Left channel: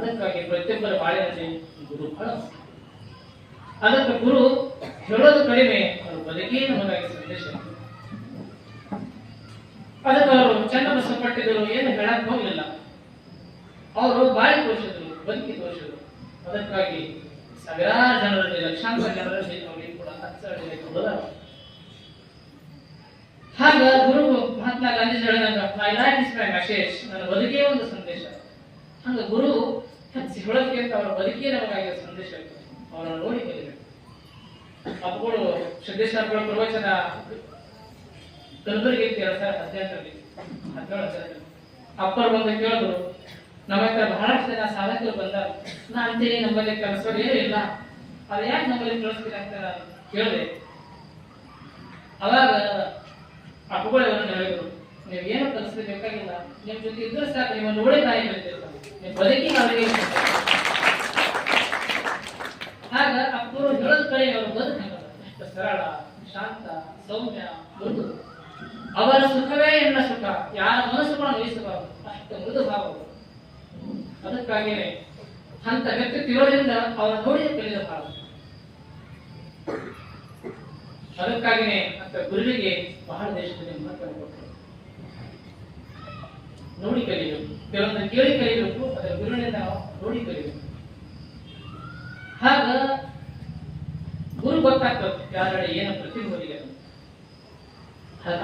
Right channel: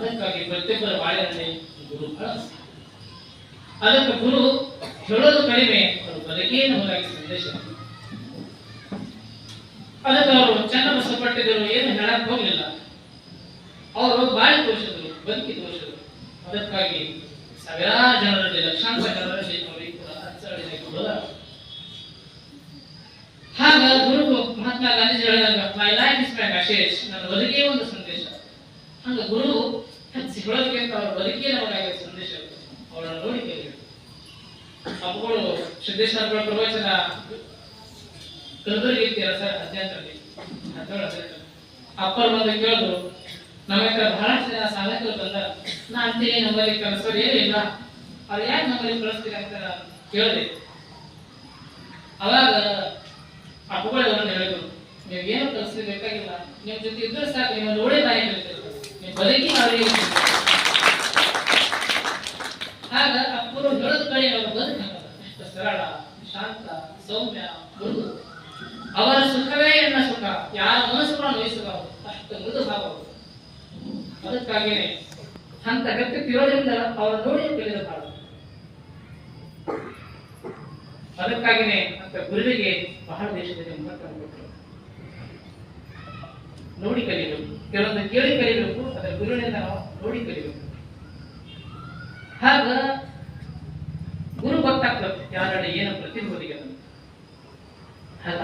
ಅದಕ್ಕಾಗಿ ಪ್ರತಿಯೊಬ್ಬರ ಬಾಳಿನಲ್ಲಿ ಗುರು ಬಹಳ ಮುಖ್ಯ. ಅದಕ್ಕೆ ಗುರು ಹೇಳೋದು ಕಡಿಮೆ, ಅವರು ಬದುಕೇ ನಮಗಾಗಿ ಸಂದೇಶ. ಅದಕ್ಕೆ ಅವರು ಚನ್ನಬಸವಪಟ್ಟಿದ್ರು ಏನು ಹೇಳಕ್ ಹೋಗ್ಲಿಲ್ಲ, ಅವರು ಬಾಳಿ ತೋರಿಸಿದ್ರು, ಬದುಕಿ ತೋರಿಸಿದ್ರು. ಅದಕ್ಕಾಗಿ ಸಾವಿರಾರು ಜನರಲ್ಲಿ, ಲಕ್ಷಾಂತರ ಜನರಲ್ಲಿ ಅವರಿಗೆ ಕೂಡ ಅಚ್ಚಳಿದೆ ಕೊಡೋದ. ಹಾಗ ಗುರು ಮಹಾತ್ಮ ಗಾಂಧೀಜಿ ಹೇಳಿದಾಗ my life is my message, ನನ್ನ ಬದುಕೇ ಒಂದು ಸಂದೇಶ. ಹಂಗ ಗುರು ಹೇಳೋದಕ್ಕಿಂತ ಅವರ ಬದುಕೇ ನಮಗಾಗಿ ಸಂದೇಶ. ಅವರನ್ನು ನೋಡಿ ಕಲಿಬೇಕು. ಅಪ್ಪಗಳು ಸಿದ್ದೇಶ್ವರ ಪ್ರವಚನ ಕಲಬುರಗಿ ಅಧ್ಯಯನದಲ್ಲಿ ಅಪ್ಪರು ಬಂದು ಕೇಳಿದ್ರು, ನಮಗೆ ಬಹಳಷ್ಟು ಜನ ಸಾಧಕರು ಬಂದ, ನಾ ಅಂತೀನಿ ನಮ್ಮಲ್ಲಿ ಕಲಿಸೋರು ಏನಿಲ್ಲ, ಅದು ಯಾಕೆ ನಮ್ಮಲ್ಲಿ ಕಳಿಸ್ತೀರಿ ಅಂತ ಕೇಳಿದೆ. ಅವಾಗ ಅಪ್ಪಗಳು ಅವರನ್ನು ಹೇಳಿದ್ರು, ನೀವು ಏನು ಕಲಿಸಬೇಕಾಗಿಲ್ಲ, ನಿಮ್ ಜೊತೆ ಇದ್ರೆ ಸಾಕು, ನಿಮ್ಮ ನೋಡಿ ನಾಯಿ ಕಲಿತಿರ್ತಾರೆ, ನೀವು ಬದುಕಿ ಅವರಿಗೆ. ಆಗ ಅಪ್ಪರು ಹೇಳೋದ್ ಕಡೆ ಅವರು ಬದುಕ ಎಷ್ಟು ಸರಳ, ಶಾಂತ, ಸೌಮ್ಯ, ಮೃದು. ಅವರ ಸುಖವೇ ಎನ್ನ ಸುಖ, ಯಾರ ಮನಸ್ಸುಗಳನ್ನು ವಹಿಸುವ ಅಷ್ಟು ಮೃದು ಭಾವ. ಅದಕ್ಕಾಗಿಯೇ ಅಂತ ವ್ಯಕ್ತಿತ್ವ ಇರೋದ್ರಿಂದ ಅವರ ನೋಡಿ ಕಲಿದ ಭಾವ. ಅದಕ್ಕಾಗಿಯೇ ಅಂತ ಗುರುವಿಗೆ ಬಹಳ ದೇಶದಲ್ಲಿ ಮಹತ್ವ ಕೊಟ್ಟರು. ನೋಡಿ ಕಲಿಬೇಕು, ಕೆಲವೊಂದು ಕೇಳಿ ಕಲಿಬೇಕು, ಅದರ ಗುರುವಿನಿಂದ ನಾವು ನೋಡಿ ಕಲಿಬೇಕು. ಹಾಗ ಗುರು ಗೊತ್ತಾಗ್ತದೆ ಯಾರಡೆ ಏನು ಪ್ರತಿಭೂರಿಗೆ.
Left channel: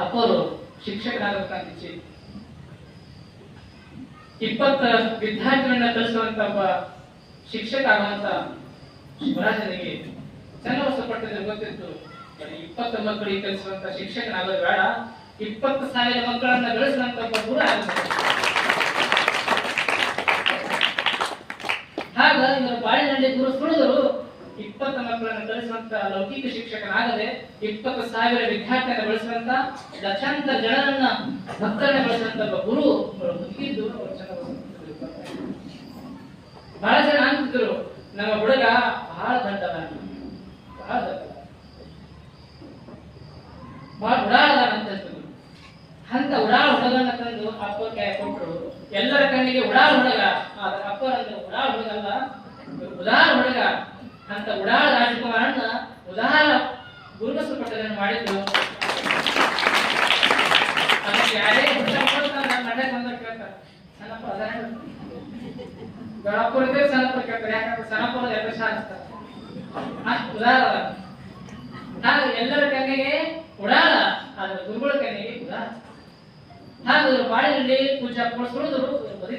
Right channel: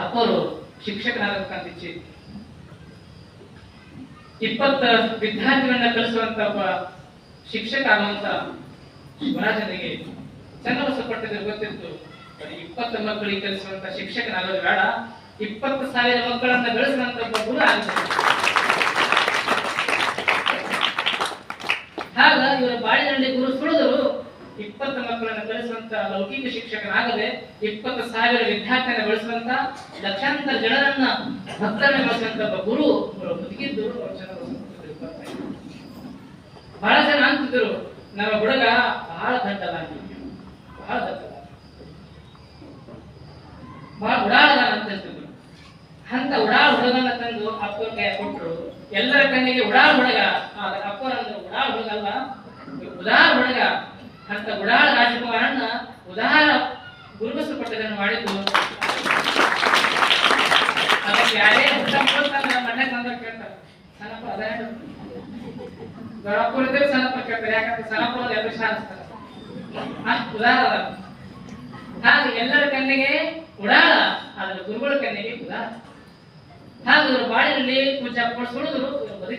ಅಪ್ಪರು ಶಿಕ್ಷಕರಾಗಬೇಕಂತ ಇಚ್ಛೆ. 20 ವಿದ್ಯಾರ್ಥಿಗಳನ್ನ ಕಲಿಸುವಂತ ಒಬ್ಬ ಶಿಕ್ಷಕ ಆಗುವಂತ ಶಿವರಾಜನಿಗೆ ಚನ್ನಬಸವಪಟ್ಟಿದ್ರೆ ಗೊತ್ತಿತ್ತು, 20 ಮಕ್ಕಳಿಗೆ ಕಲಿಸುವಂತ ಶಿಕ್ಷಕನಾಗೋದು ಬೇಡ, 20,000 ಮಕ್ಕಳನ್ನ ಬೆಳೆಸಿದಂತ ಒಬ್ಬ ಗುರು ಆಗುತ್ತೆ. ಹಾಗ ಇವರ ಬಾಳಿನಲ್ಲಿ ಗುರು ಸುಳಿದರು 20 ಮಕ್ಕಳನ್ನು ಕಲಿಸುವಂತ ಲೌಕಿಕ ಶಿಕ್ಷಕನಾಗದೆ 20,000 ವಿದ್ಯಾರ್ಥಿಯನ್ನು ಬೆಳೆಸುವಂತ ಲಕ್ಷಾಂತರ ಜನರನ್ನ ಭಕ್ತರನ್ನ ಬೆಳೆಸುವಂತ ಒಬ್ಬ ಗುರು ಬದುಕಿದ್ದು. ಬಹಳ ಜನ ಅಂತಿದ್ರು, ನಮ್ಮ ಹುಡುಗ ಬಹಳ ದಡ್ಡದಾಗಿ, ಬಹಳ ದಡ್ಡ, ಬಹಳ ಉಡಾಳದ ಅಂತ ಹೇಳ್ತಿದ್ರು. ಅಂತ ಉಡಾಳ ಹುಡುಗನ ತಂದು ಅಪ್ಪರ ಕೈ ಕೊಟ್ಟರು. ಎಲ್ಲರ ಕಣ್ಣಿಗೆ ಉಡಾಳ ಹುಡುಗ, ಅಪ್ಪರ ಅಂದ್ರೆ ಉಡಾಳ ಹುಡುಗ ಅಲ್ಲ, ಉದಾರ ಹುಡುಗ. ಅಂತ ಉಡಾಳ ರಾಜಕುಮಾರನ್ನ ಉದಾರ ಗುರುಬಸವಪಟ್ಟಿದ್ದನ್ನು ಮಾಡಿದ್ದು. ಅದಕ್ಕೆ ಯಾರೇ ಮಂಡ್ಯಕ್ಕೆ ಬಂದ ಕೇಳ್ತಾರೆ, ಸಣ್ಣಪ್ಪ ಅದೇ ಗಣಪುರದೇ ಸಣ್ಣಪ್ಪ ಕೇಳ್ತಾರೆ, ಯಾಕಂದ್ರೆ ಸಣ್ಣಪ್ಪದ ಎಲ್ಲ ಶಾಸ್ತ್ರ ಅಷ್ಟು ಉದಾರ. ಹಾಗೆ ಎಲ್ಲರ ಕಣ್ಣಿಗೆ ಉಡಾಳ, ಆದ್ರೆ ಗುರುಗಳ ಕಣ್ಣಿಗೆ ಉದಾರ. ಹಾಗೆ ಬಾಳಿನಲ್ಲಿ ಪೂಜಾ ಸುಳಿದ್ರು.